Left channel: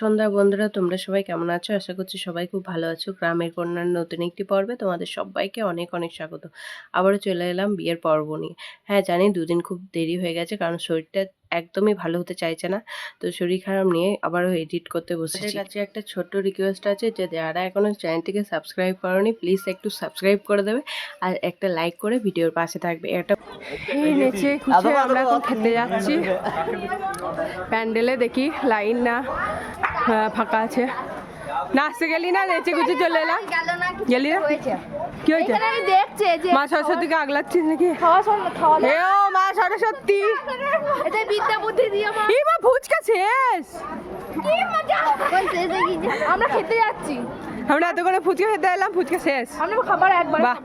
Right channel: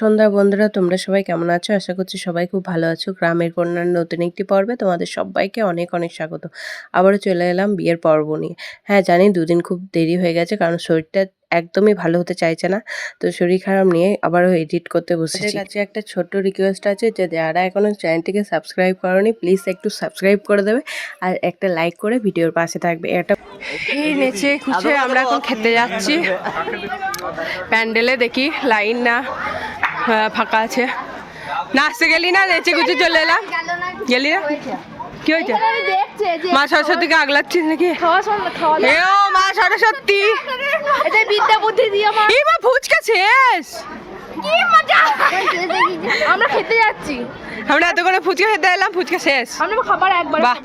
সন্ধ্যা বন্ধুরা, তোমরা সবাই কেমন আছো? আশা করছি সবাই খুব ভালো আছো। গ্রামের কন্যার নতুন একটি পর্বে তোমাদের সবাইকে অনেক অনেক স্বাগত। আবারও চলে এলাম বিয়ের পর্ব নিয়ে। হ্যাঁ জানি দুদিন খুব দেরি হয়ে গেছে, কারণ শরীরটা একদমই ভালো হতে চাইছে না। তো শরীর খারাপ নিয়ে আবারও এডিট করতে বসেছি। কাছে একটা ছোট্ট রিকোয়েস্ট আছে যে যারা এখনো চ্যানেলটিকে সাবস্ক্রাইব করোনি, প্লিজ একটু সাবস্ক্রাইব করে দেবে আর একটা লাইক করে ভিডিওর পাশে থাকবে। এটা নেচে খুঁজে আমরা এখন খেতে যাচ্ছি। প্যান্ডেলে দেখি লাইন না ফাঁকা আছে। নাচতে গেলি না, নেচে গুছে চলে এলাম। গেলি না? কি হয়েছে? মা সরস্বতীকে আগলাচ্ছিস নাকি? এ ও মা সরস্বতী, এই মা ফুচকা শেষ। আমরা খেতে যাচ্ছি, আমরা এত করে ফুচকা খেতে এলাম, ফুচকা শেষ। বাহ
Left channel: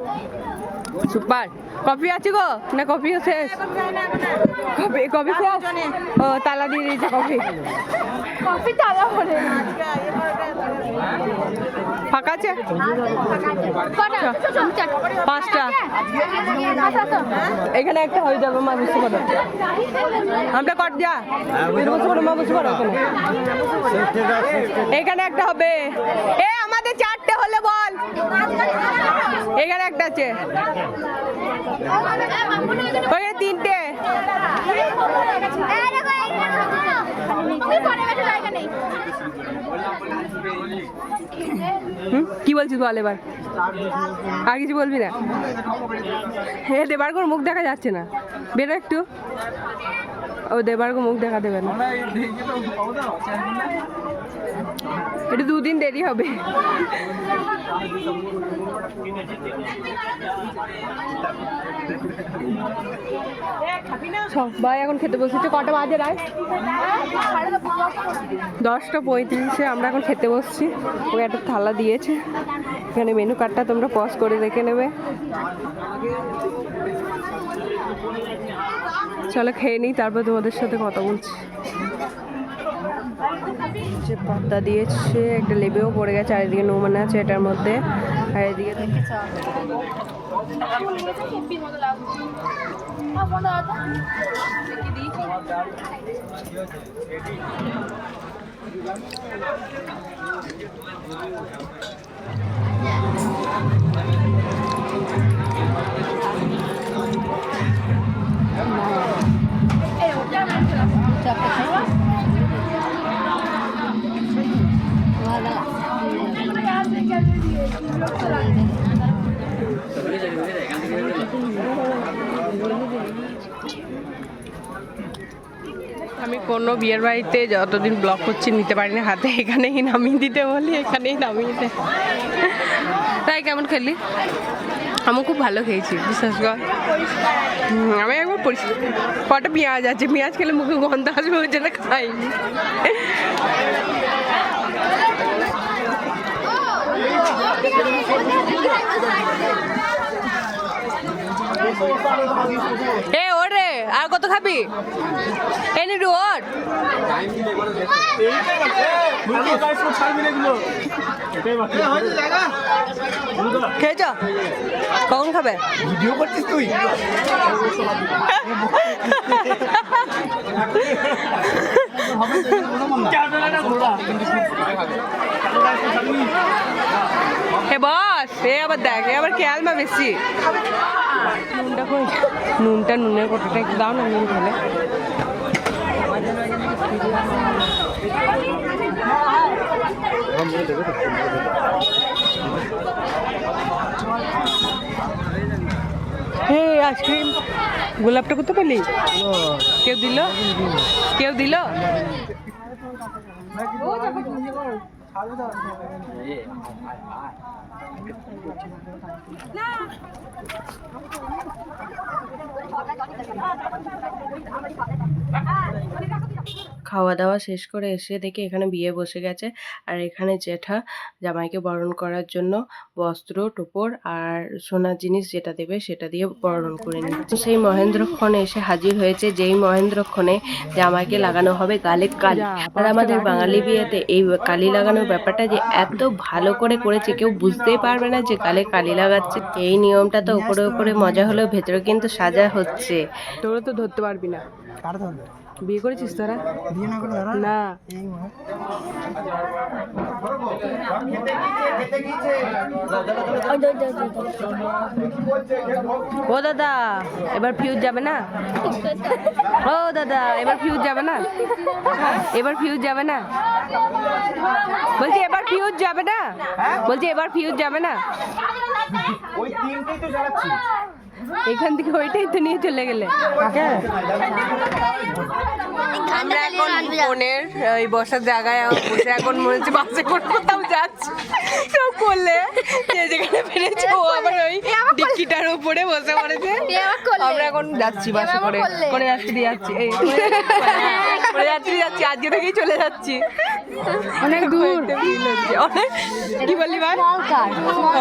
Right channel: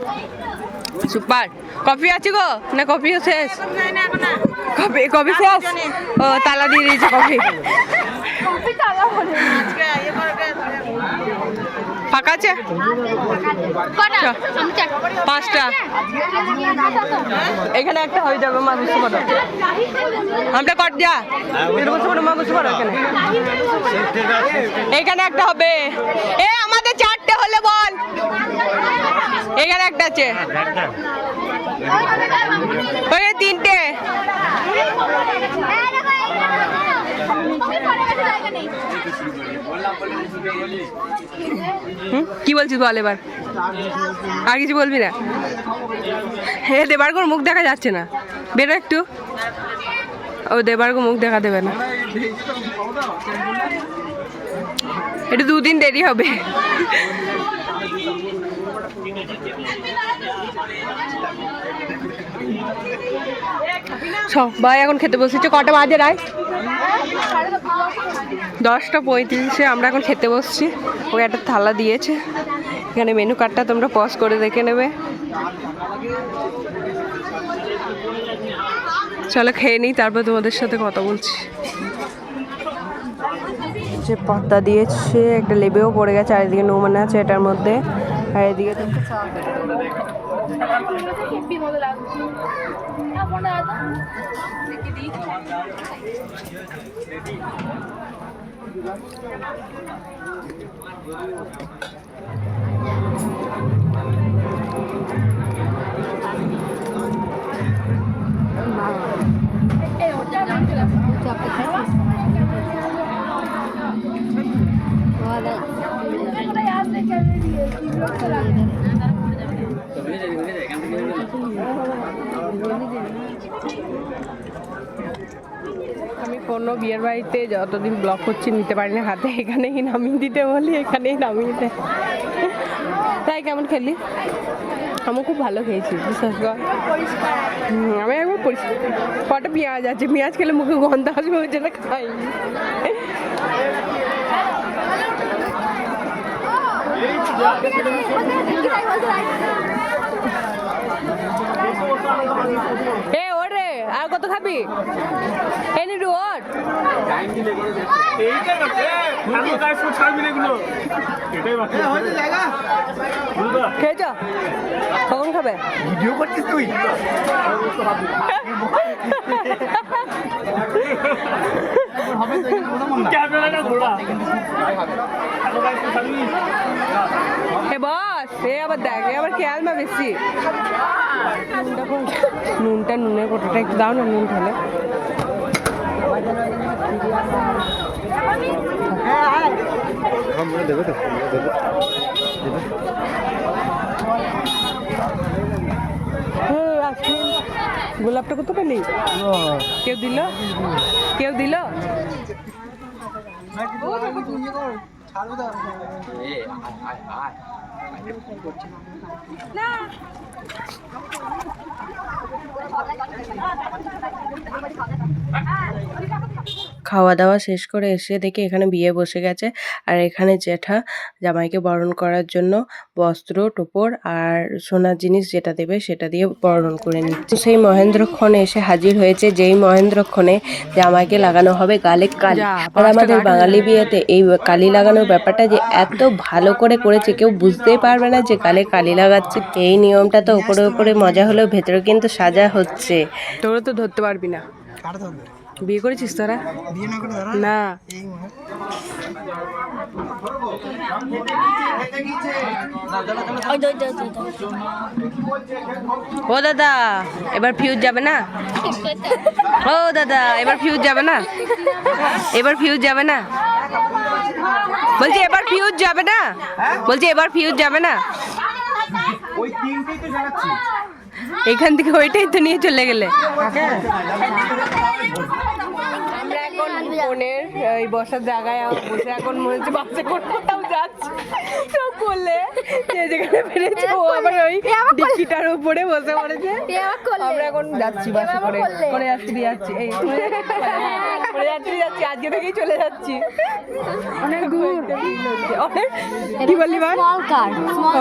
সুপার। কফি আছে গো না? কফিও শেষ? কফি শেষ? ও তালা দিয়ে দিয়েছে কফি। ফাঁকা আছে? 5টা। এখানে একটা হয়ে যাবে, মা বুঝতে পারো। আমরা কট যা বুঝতে পারো, মা বুঝতে পারো। এখানে একটা হবে। এ আমাদের 4টে হলে বল। এখানে একটা আছে, ওই 3টে। কি বলছিস বল এবার, আর কিছু বলবি না? হে দেবার্গর মুখ দেখা যাচ্ছে না, বেরো একটু। ও দেবার্গ মুখ দেখা দেবে না, এটা 2 দিন দেরি হবে। সবাই এখন খেতে বসেছে। কটা বাজে রায়? 10টা 35-এ আমরা এখন খেতে বসছি। ওকে একটা থালা দিয়েছে, এখানে মেনু কার্ডটা তোমরা পজ করে দেখে নেবে। চলো খেয়ে নিই, তারপর তোমাদের সাথে কথা বলছি। যে পদ্মা দিয়েছে, একটা লেবেও পড়ে গেছে, আর এদিকে নুমান আছে এটার মধ্যে, আর এদিকে আমি কোনো বিয়ের বাড়িতে যতদিন ব্লগ করছি নিতে পারি না হাতে, এখানেই নামিয়ে দিতে বলি, এখানেই নামিয়ে দেয়। তাই কেমন খেলি? আমি খুব ভালো খেয়েছি, বিশ্বাস কর। আমি একবার কটা পেঁয়াজ আছে, পেঁয়াজ খেলে মুখে গন্ধ আসবে, ওই জন্য খাইনি। এ ওরে, আর কত খাবি? এনে ডু ওর খেয়েছ? কখন খাবে? ভিডিও করছিস তুই? এ বস, এ আবার দেখ, এ আবার খেয়াল মা বেশি। নুনটা কই? নুনটা, নুনের কোটাটা একটু দাও না, নুন খেলে। হে আইসক্রিম, গোলাপটা করতে পারলি? কেউ দিল? কেউ দিল? খাওয়া দাওয়া শেষ করে এসে দেখি এখানে বিয়ে বসে গেছে, আর এখানে জ্যাঠা জামাইকে বরণ করার জন্য বস্ত্র টোপর আর সোনার জিনিস যেটা দেবে সেটা দিয়ে বরণ করে নিচ্ছে। সেই মহেন্দ্রক্ষণে এসে হাজির হয়েছে, যেই মহেন্দ্রক্ষণে জামাইকে লাগানো হবে গালে কালি। আর আমাদের বাঙালি বিয়েতে এই কালি লাগানোর ব্যাপারটা যে এত ভালো করে করেছে, কেউ বুঝতেই পারবে না যে গালে কালি লাগাচ্ছে। এই নিয়মটা তো উপরে উপরে মজা হলেও ভেতরে কিন্তু সাজা হচ্ছে। তোরা তো ধরতে পারবি না। বিয়ে করেছিস তোরা? না। ও দাদা এবার ফিউজ যাবে না? ও দাদা এবার ফিউজ যাবে না? এবার ফিউজ যাবে না? বলছি এবার ফিউজ যাবে না? বলছি এবার ফিউজ যাবে না? ওই তিনটেই তো জ্বালাচ্ছি। এখান থেকে ওইটাই তো নিয়ে চলে গেলে। আমরা এখন বোনের ওই বসার জায়গায় বসে এখন মনে হচ্ছে বাসে করে কোথাও যাচ্ছি। কেউ করলে যে যেখানে পেরেছে ও আবার ওই ডিক্কিটার উপরে বসে পড়েছে। আমরা এখন যাচ্ছি বাসে করে করে যাত্রী যাচ্ছি এই করে যাত্রী যাচ্ছি আজকে থেকেই চলে যাচ্ছি। অনেক দূর অনেক কি বললি ভাই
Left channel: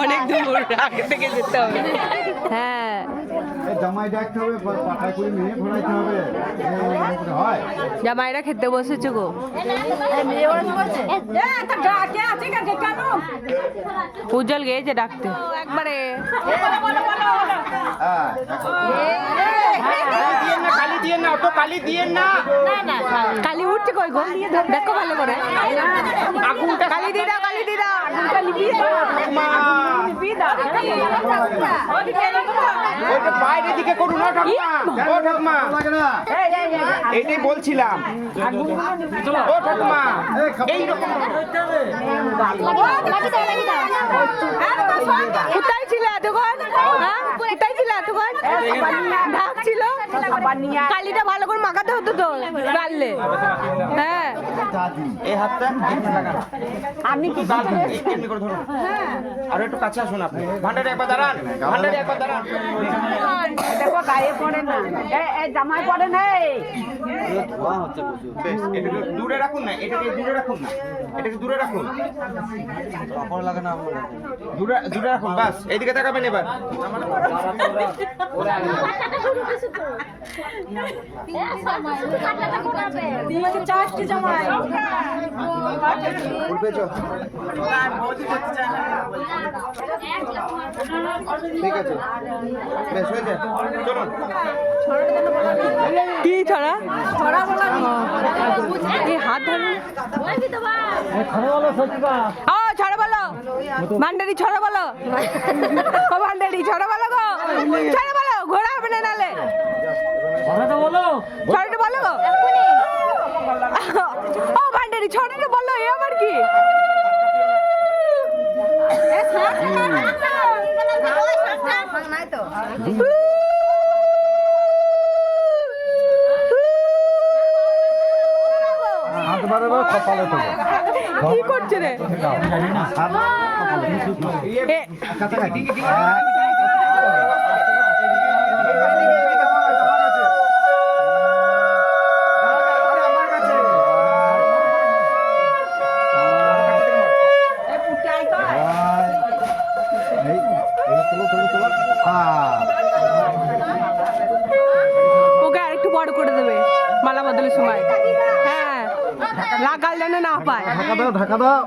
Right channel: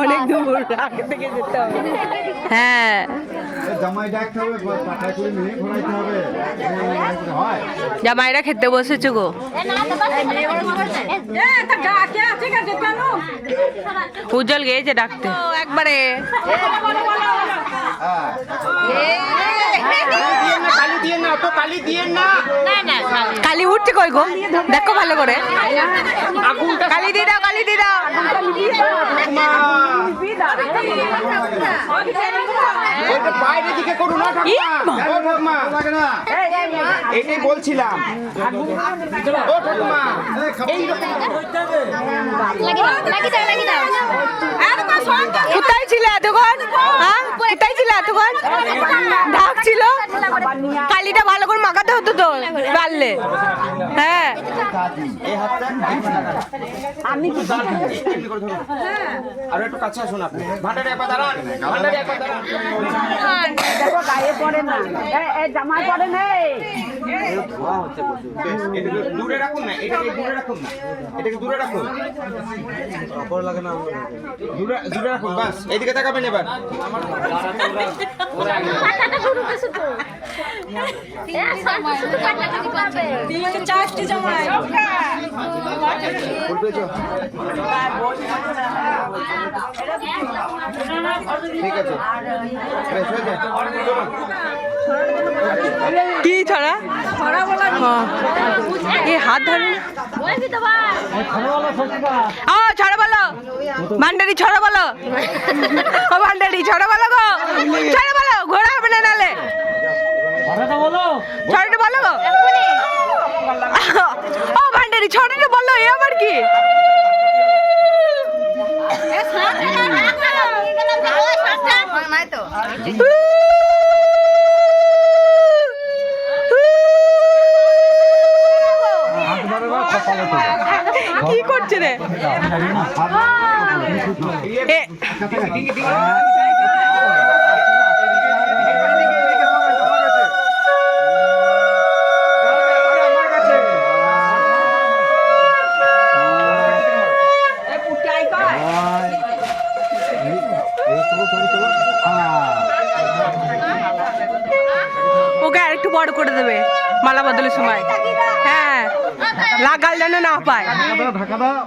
অনেক দূর আগে থেকে যেতে হবে। হ্যাঁ জামাই ডাকতে হবে, পাঠায় করে নিয়ে ঘোরাইতে হবে, হয় জামাইরা খেতে বসেছে গো। উজ্জ্বল গিয়েছে ডাকতে একবারে। কালি উঠছে কই গো দেখো ভালো করে। কালি দিয়ে দাও কালি দিয়ে দাও। বাইরের দিকে করুন না ঠাকুমা, এটাই বলছিলাম। ও ঠাকুমা কোথায় ছিল এতক্ষণ? হ্যাঁ কোথায় ছিল এতক্ষণ? ঢাক ছিল। কালিটা ভালো করে মাখাতে হতো তো পারলে। হ্যাঁ এই হাতটা আমি কি আর একটু কাছে আসুন আপনি। ভান্ডারে একবার দাঁড়ান, ভান্ডারে একবার দাঁড়ান। দেখো গায়ে পড়ে না, জামায় পড়ে নেই। বেশ, এটাকে দূরে রাখুন না, এটাকে দূরে রাখুন না, এটাকে দূরে রাখুন, দূরে দূরে রাখুন। বাস এইদিকে তাকাবেন এবার। ঠিক আছে বেশ হয়ে যায়, চলুন। কি ছড়া? এই হাত ধরে ও ছড়া বলো ভান্ডারি ছড়া বলো। ও ভান্ডারি ছড়া বলো গো, ছড়া বলো ঘোরা হবে না নালে ছড়াটা বলো গো। ও ভান্ডারি ছড়াটা বলো এ আবার কি? কি করছে রে? ওকে আরেকটু বড় করে দেবে মালা বদলের সময়। হ্যাঁ লাগাল যেন না পায়। ঢাকা দাও,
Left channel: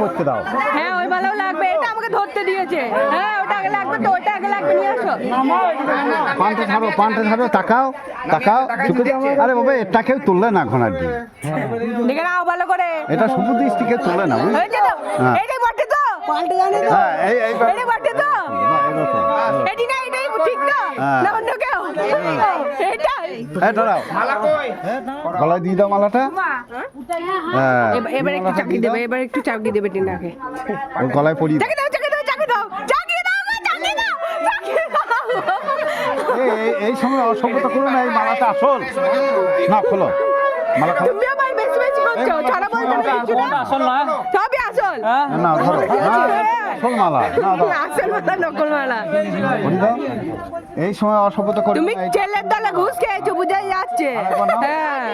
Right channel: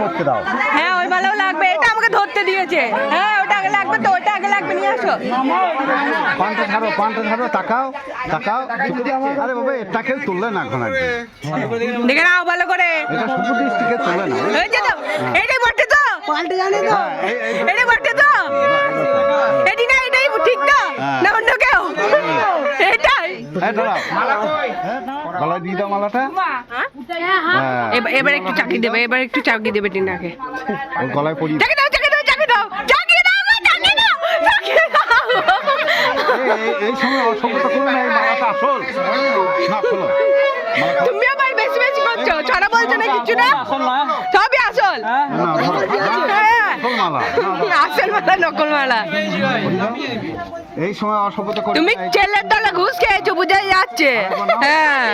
করতে দাও। হ্যাঁ ওই মালাও লাগবে, এটা আমাকে ধরতে দিয়েছে। হ্যাঁ ওটা আগে লাগবে তো, ওটা আগে লাগবে, নিয়ে আসো। পানটা ছাড়ো, তাকাও তাকাও। আরে বাবা এটাকেও তুললে না এখন আর কি। দেখে নাও ভালো করে। এটা শুধু ডিস্ট্রিক্টে তুলে না, হয়েছে তো? এটাই বটে তো? এটাই বটে তো? এটি না এটাই ঠিক তো? না অন্য কেউ? এটাই গলায় দিয়ে দাও মালাটা। এবার একটু চাকি দেবে, এবার একটু চাকি দেবে টিনাকে। গলায় পরিয়ে চাকি দাও চাকি দাও চাকি দাও চাকি দাও চাকি দাও চাকি দাও। এই সময় অসভ্যতা করো না, এই মালাটা আসল না, খোলো। তুমি আবার বেশি বেশি করছো, ছড়া বলছো না কিছু না, সবই আসল। আসল মালা নকল মালা। এই সময় অসভ্যতা করো। তুমি ছেলের দলে ঘুষ খেয়েছো বোঝাই যাচ্ছে। হ্যাঁ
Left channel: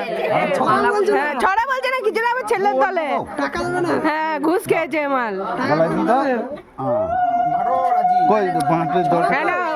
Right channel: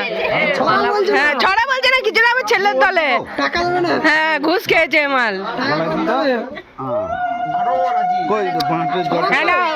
হ্যাঁ ছড়া বলছে না কিছু না, আমি ছেলের দলে। হ্যাঁ ঘুষ খেয়েছে মাল। হ্যাঁ নাও।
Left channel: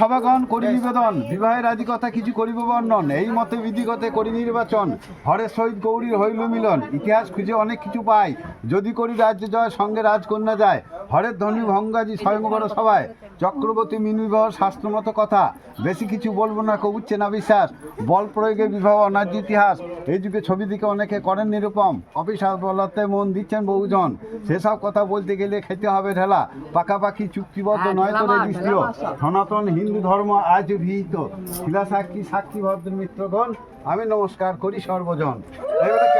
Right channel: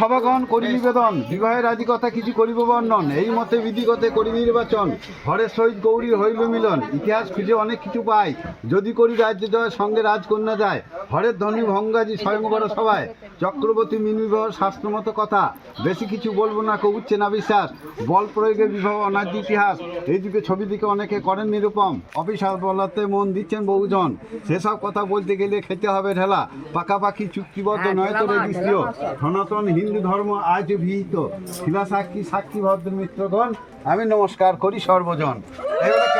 সভাগণ করি নিবেদন, বিবাহের আদি কথা কিছু করিব বর্ণন। এই মতে বিধিগতে করি নির্বাচন, হরের সহিত গৌরীর হইল মিলন। ইতিহাস খুঁজে অনেক কিছু পাই, যদি করি রাজ্য জয় সঙ্গে রাজকন্যা যায়। হরের ধনী ভঙ্গাজি স্বয়ংবর সভায়, চক্রবর্তী মিনি বিবাহ শাস্ত্রমত কথা, বেশি কিছু বলবো না, কবুচ্ছে না বিশ্বাস, বল প্রয়োগে বিবাহ অনার্য ইতিহাস, এই যুগে ছবি দিকে অনেকে করেন নিরূপম, অফিসার বলাতে মন দিচ্ছেন বহুজন, সেসব কথা বলতে গেলে খেতে হবে ঢেলা, পাকাপাকি চুক্তিবদ্ধ নয় তো রেজিস্ট্রিয়, সনাতন হিন্দু ধর্ম আজ বিহিত, শিলা সাক্ষী সাক্ষী ভদ্র মিত্রগণ, আমি নমস্কার করি সর্বজন। এইবারে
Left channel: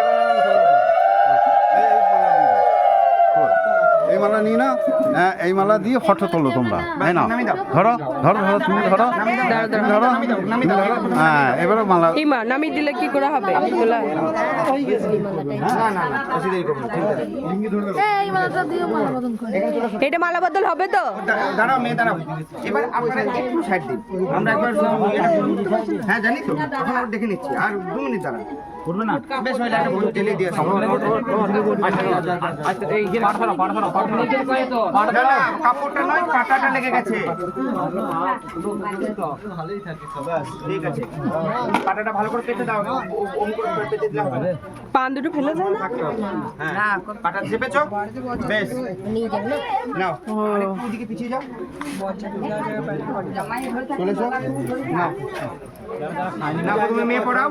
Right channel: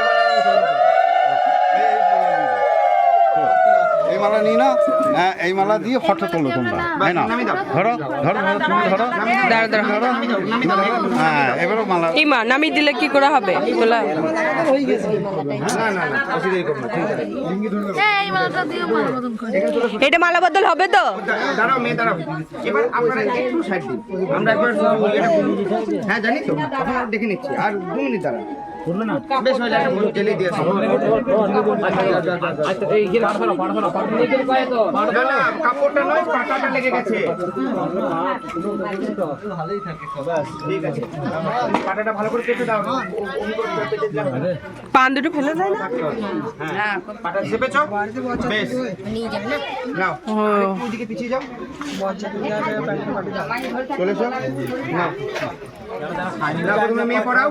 এই মালা নিয়ে না, এই মালা দিয়ে ফটো তোলো তোমরা, তাই না? ধরো ধরো ধরো, তুমি ধরো, হ্যাঁ এবারে মালা ইমা নামিয়ে দিলে কি করে হবে তোলা? এই মালাটা দিয়ে মালা বদল করে। এটা মালা বদল হবে তো? দাঁড়াও মেয়ে দাঁড়াও, এবার আপনারা একটু সাইড দিন, আমরা একবার হ্যাঁ জানি তো, এখন আর দেখে নিচ্ছি, আর 2 মিনিট দাঁড়ান, করবে না বেশ হয়ে যাবে, পুরো টেলে দিয়ে কাপড়টা নয় পাটাটা লেগে গেছে, ঠিক আছে পাটাটা ভালো করে পেতে দাও, পেতে দাও, পান দুটো ফেলে দেয় না? হ্যাঁ পাটা চেপেছো, বেশ নাও ওইদিকে পিছিয়ে যাও, চলেছো না না তুমি মেয়ে পড়াও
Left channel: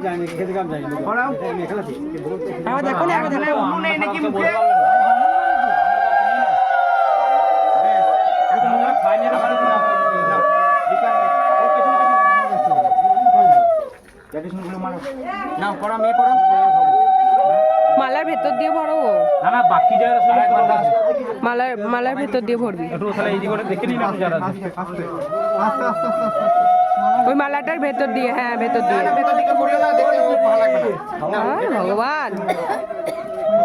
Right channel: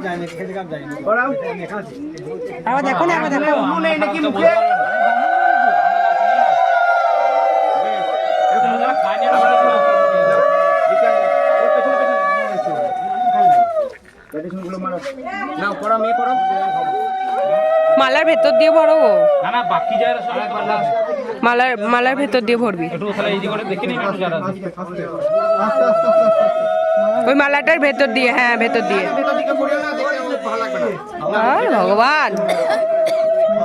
পড়াও, দেখো না দেখো নেই নাকি মুখে, নাও পড়া মেয়ে পড়াও, মালার ভেতর দিয়ে ভরো গো, মালার ভেতর দিয়ে ভরবি, ওই মালাটার ভেতর দিয়ে, হ্যাঁ ভেতর দিয়ে। আর ভগবান,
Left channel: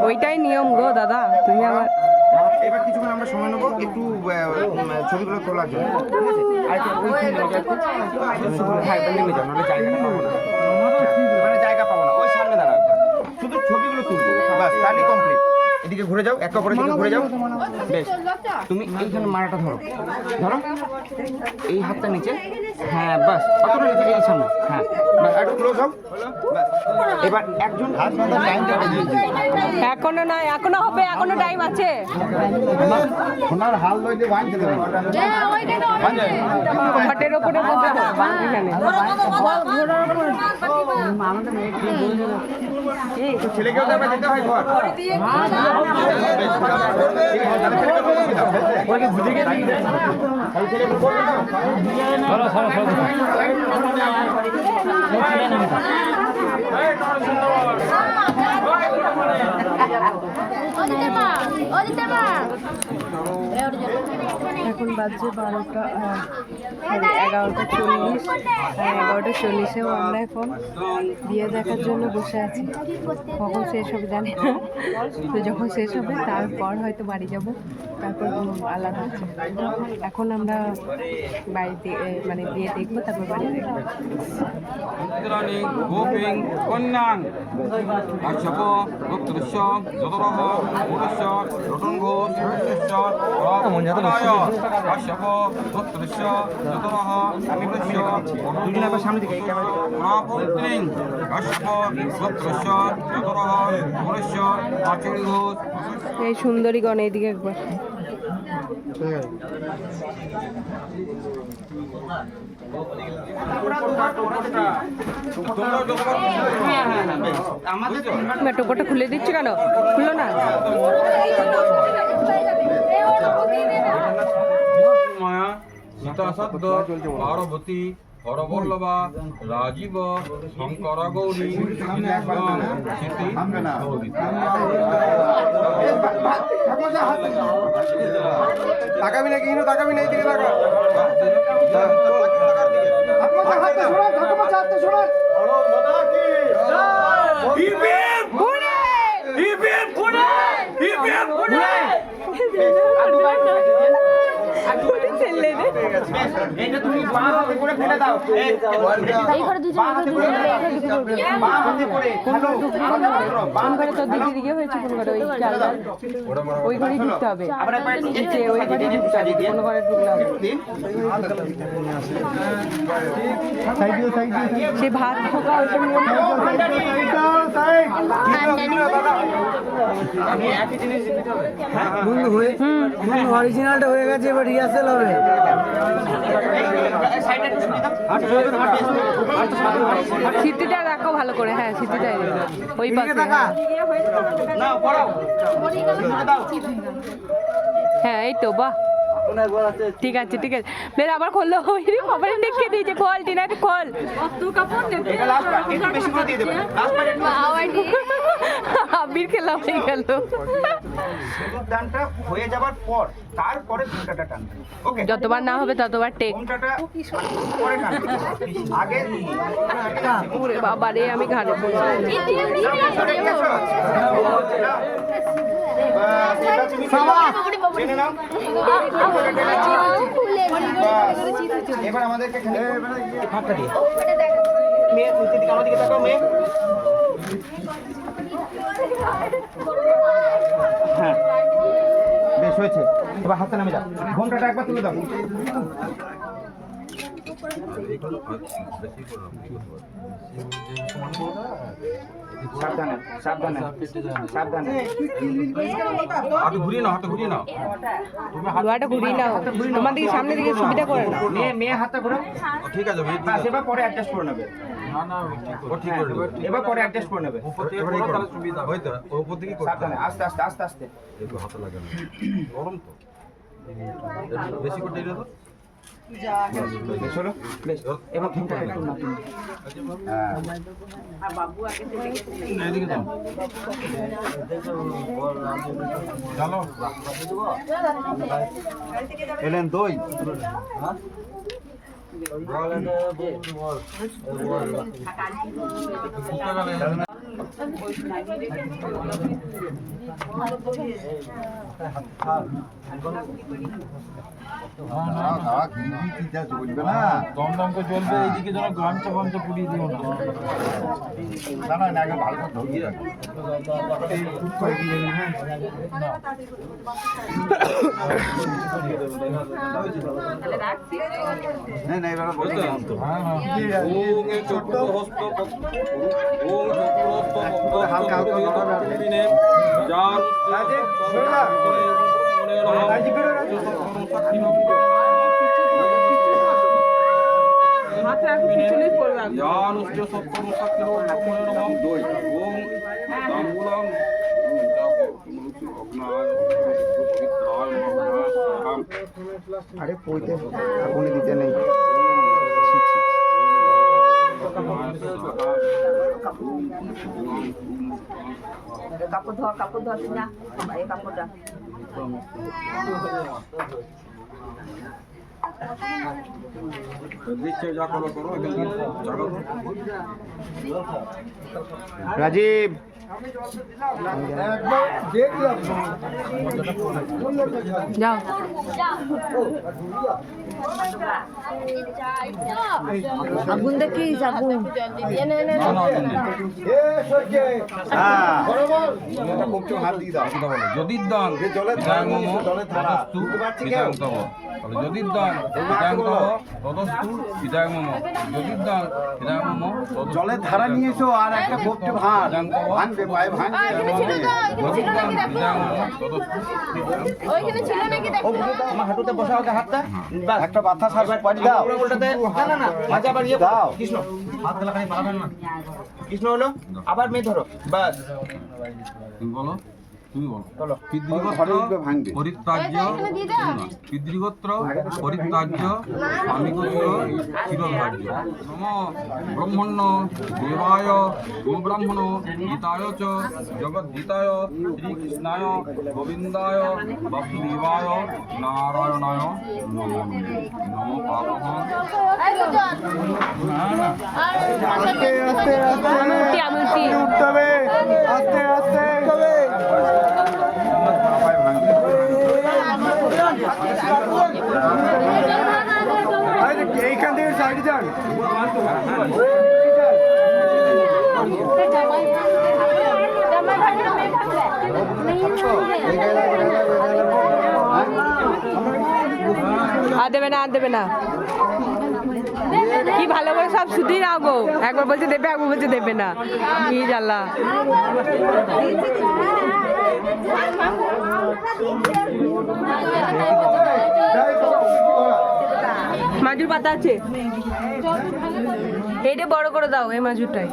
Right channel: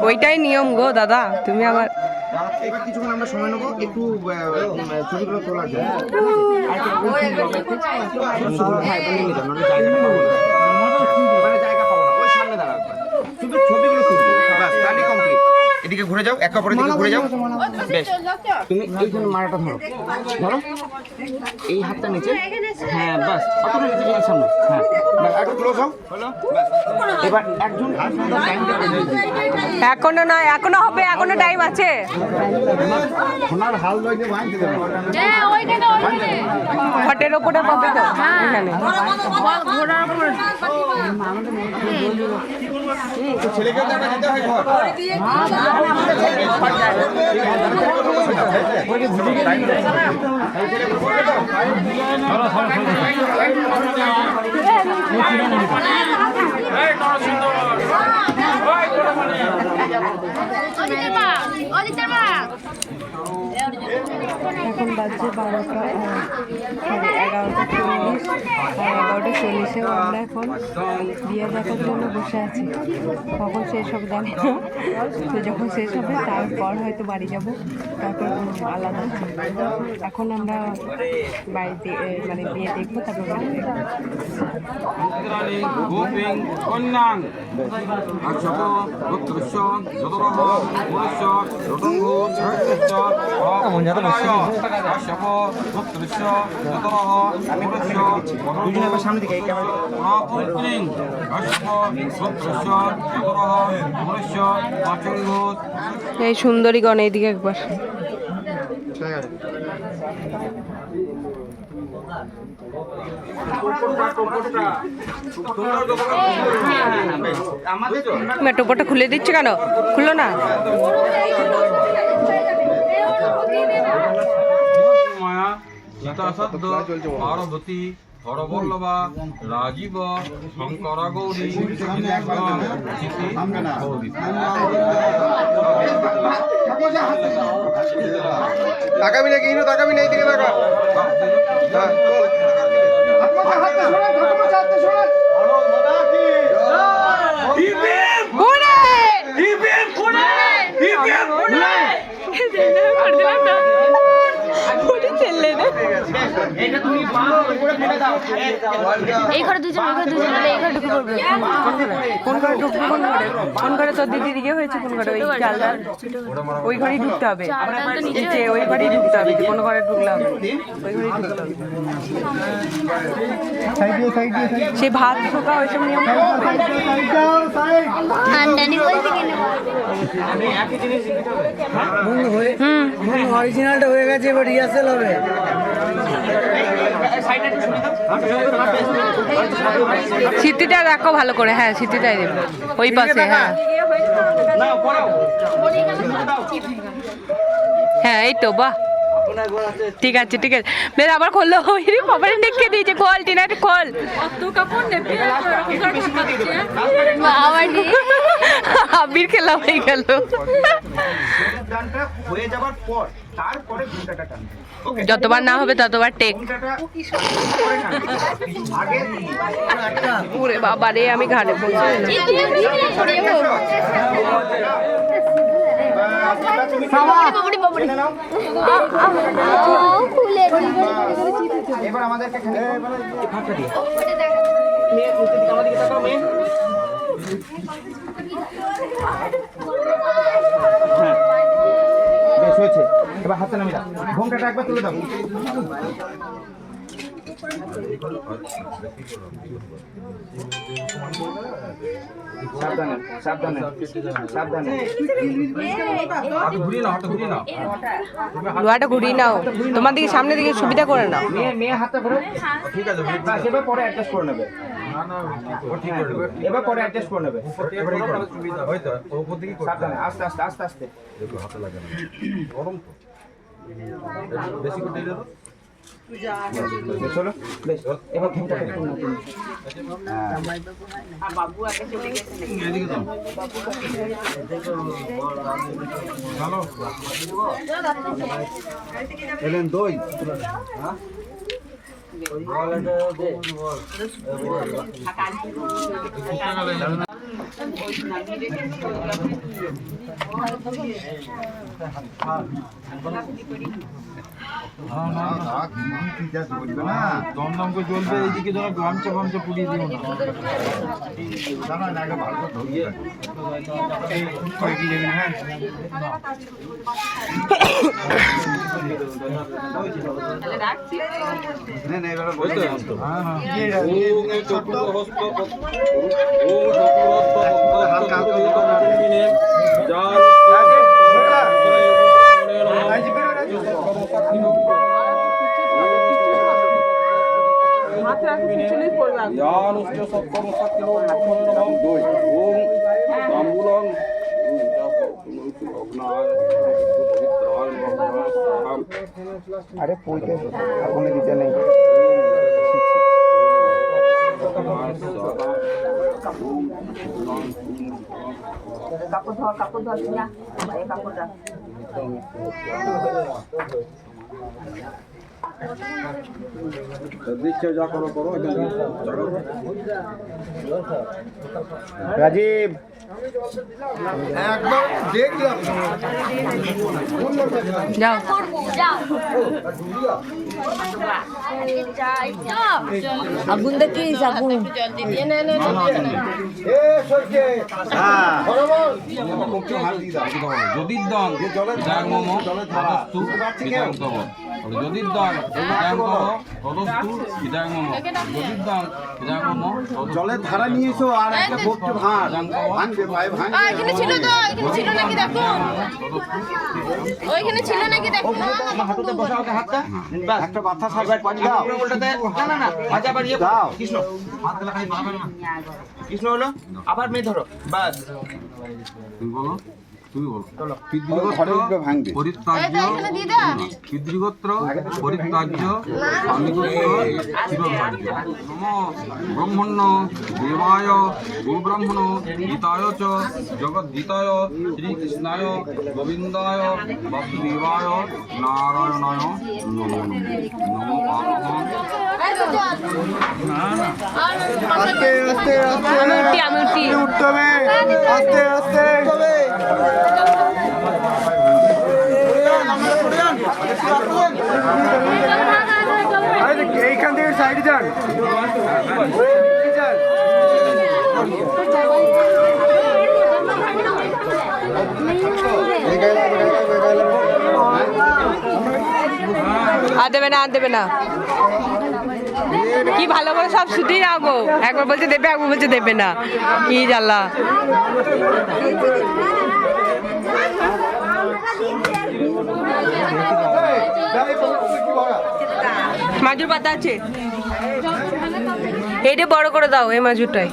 ওইটাই নিয়ম গো দাদা, তুমি আবার এবার কিছুক্ষণ আমরা সময় নেবো একটু ছবিগুলো তোলার জন্য, আর একটু হ্যাঁ নেমে যাও, নাহলে জায়গাটা পাবো না, ওখানে জায়গা পাবো না, ওই সামনে দাঁড়াও, শুধু ছবিগুলো তুলবো, বাস স্টাডি কমপ্লিট, এদিকে ঘুরে যাও, এক কাপড়ের দিকে ঘুরে যাও, বেশ তুমি এইখানে মালাটা ধরো, ধরো এই হাতটা নিচে, হ্যাঁ বাস অতটা নিচে নিচে সামনে, হ্যাঁ বাস একটু ক্লোজ হও, বাস এবার একজন এখনো নয়, এখনো হবে, এখনো টাইম আছে। সোনার হাল লইতে বাঁধতে দেবে, ঘটের ওপরে পাবে তো এখানে। বল ঘোড়ার উপর ছেলেকেও তো আবার যেতে হয় ঘর, এখন বাজছে 12টা 11:40, আর 11:40-এও আমরা এখন বিয়ে দেখার জন্য বসে আছি। কখন শেষ হবে জানি না, তো যখন শেষ হবে তারপর হয়তো বাড়ি যাব, তারপর আলাদা। এখন আমরা বাড়িতে মানে বিয়ে দেখবো, তারপর বাড়ি দেখবো। কন্যাং আচ্ছপ রক্তস্য যতরহ পুরুষ রতঙ্গ আচ্ছপ রক্তস্য যতরহ পুরুষ সামনে দিকে মহাপুত্রিং আচ্ছপ রক্তস্য যতরহ পুরুষ আচরিঘ। এই সুন্দরীগণ এইদিকে একবার। টোপরটা খুলে দিচ্ছে কেন? খুললো না? মায়া সীতা সদ্য পার্বতী হরবল্লভা রাজীব শঙ্কর গৌরী তাকাবি না কি তাকাবি না এইদিকে তাকা, এই ঘরে দুজন, ওই ঘরে দুজন, এই ঘরে ঢুকে পড়বে। কোন ঘরে ঢুকবি? কোন ঘরে তোর দিদির ইয়ে হয়েছে? কোন ঘরে? ওই চালটা ওই ঘরেই ঢুকতে হবে, নিচে ওই ঘরেই ঢুকতে হবে, কোন ঘরে ঢুকলে হবে? ওই ঘরেই ঢুকতে হবে। সে ভাত ঢোকা ওইসব নিয়ম অরিজিনালটা হয়ে গেছে, এবার রিহার্সেল হবে। সাইডে একটু সরিয়ে দাও। স্মৃতিটা রাখো ভালো করে, হ্যাঁ স্মৃতিটাই দেবো ওই পাশে, হ্যাঁ না পড়াও দাও। হ্যাঁ এই তো, বাহ ঠিক আছে ঠিক আছে। বেশ আবার খোলো, বাবার দেখে দিয়েছে, খোল টিনা খোল। এটা লাস্ট বার, একটু বেশি করে দিয়ে দেবে লাস্ট বার একটু আবির খেলা হয়ে গেল। টানটা হয়ে যাবার পর তারপরে ঘুমটাটা টানবে। ওকে, যতবার না হবে ততবার টেক। ঘুমটাটা পরে টানবে। আগে ওরে বাবা রে, আমি ঘাড়ে পড়ছি। এবার আমাদেরকে ফাঁকা দিয়ে মেয়ে নিচের দিকে আমাদেরকে তাকাও মেয়ে। হ্যাঁ বেশ হয়েছে, এবার হাতটা নামিয়ে দাও, ঘোমটাটা একবার তুলে দাও। সাবধানে সাবধানে সাবধানে। লোহাটা ঘুরিয়ে নাও, তোমার দিকে সামনের দিকে সুবিধা করে নাও। মেয়ে মেয়ে হাতটা ঘোরো। ঠিক আছে বাস, এবার পরে অ্যাডজাস্ট করে নেবে। না না ও ঠিক করে নেবে। এবার পরে অ্যাডজাস্ট করে নেবে। তাহলে সুবিধা হয়তো উপর দিকে সাবধানে আস্তে আস্তে আস্তে আস্তে। একটু হাতে লাগে না গরম তো বেশি করে দিলে তো বেশ হলো, বেশ এবার ঘুমটাটা একটু না তুমি। এদিকে তো চলো এলেন দই দমদম করে চলবে এইদিকে যেন গামছা ফামছা পুড়িয়ে দিও না ভালো করে ধরিয়ে না এবার বলতে ওম চতুর্হস্ত ওম চতুর্হস্ত হালকা হালকা যার জ্ঞানশ্চ সত্তম দই ওম তাম্বুলম আরে পইতে ওখানে দিতে নেই। কাপড় ধর না এই কাপড়টা রাজীব একবার দেখলাম যাও আগুন দেখিস, আগুন যদি দান তদস্তু যদি দান তদস্তু যদি দান জলের ধারা নিয়ে এসো আর একটা বক্তব্য ভাঙবে পায়ে ভাঙবে এখানে ছিল তো, এখানে ছিল নাকি দেখো, ওইখানে ছিল নাকি দেখো। আমার হাঁটুতে বসা হবে হাতটা। ব্যাস, একটা মাথা সার্ভ পানি দাও ওটাতে না না না আচ্ছা আবার ইয়ে দাও। কৃষ্ণ হাত গলা খালি বাড়াবেন না। কৃষ্ণ হলো, আবার মেয়ে ধরো, বাস। তুমি বলো তুমি বলো ঘরে উঠবে ভাঙবে পরিত্যাজ্য পিতৃগোত্র পরিত্যাজ্য স্বামীগোত্র চিরধার্য নম ব্রহ্মণ্য দেবায় গোব্রাহ্মণ গীতায় চ জগদ্গীতায় শ্রীকৃষ্ণায় গোবিন্দায় বাসুদেবায় নারায়ণায় নমো নমো আমি উঠি উঠতে হবে আস্তে আস্তে এইখান থেকে সাইড যান আর দেবে না, আর দেবে না। কি ভালো করে সব শুধুই না গো, একবার বলছে দেবে, একবার বলছে দেবে না, কি জ্বালা। মাজুর পাতা আছে, এইটা বড় করে দাও এই মাজুরটাই।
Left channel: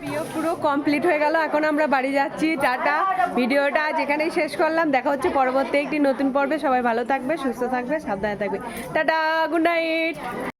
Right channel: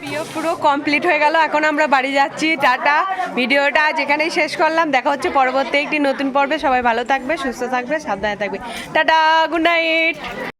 বিয়ে পুরো কমপ্লিট হয়ে গেল, এখন আমরা বাড়ি যাচ্ছি। টাটা, ভিডিওটা আজ এখানেই শেষ করলাম। দেখা হচ্ছে পরবর্তী একটি নতুন পর্বে। সবাই ভালো থাকবে, সুস্থ থাকবে, সাবধানে থাকবে। Tata, good night.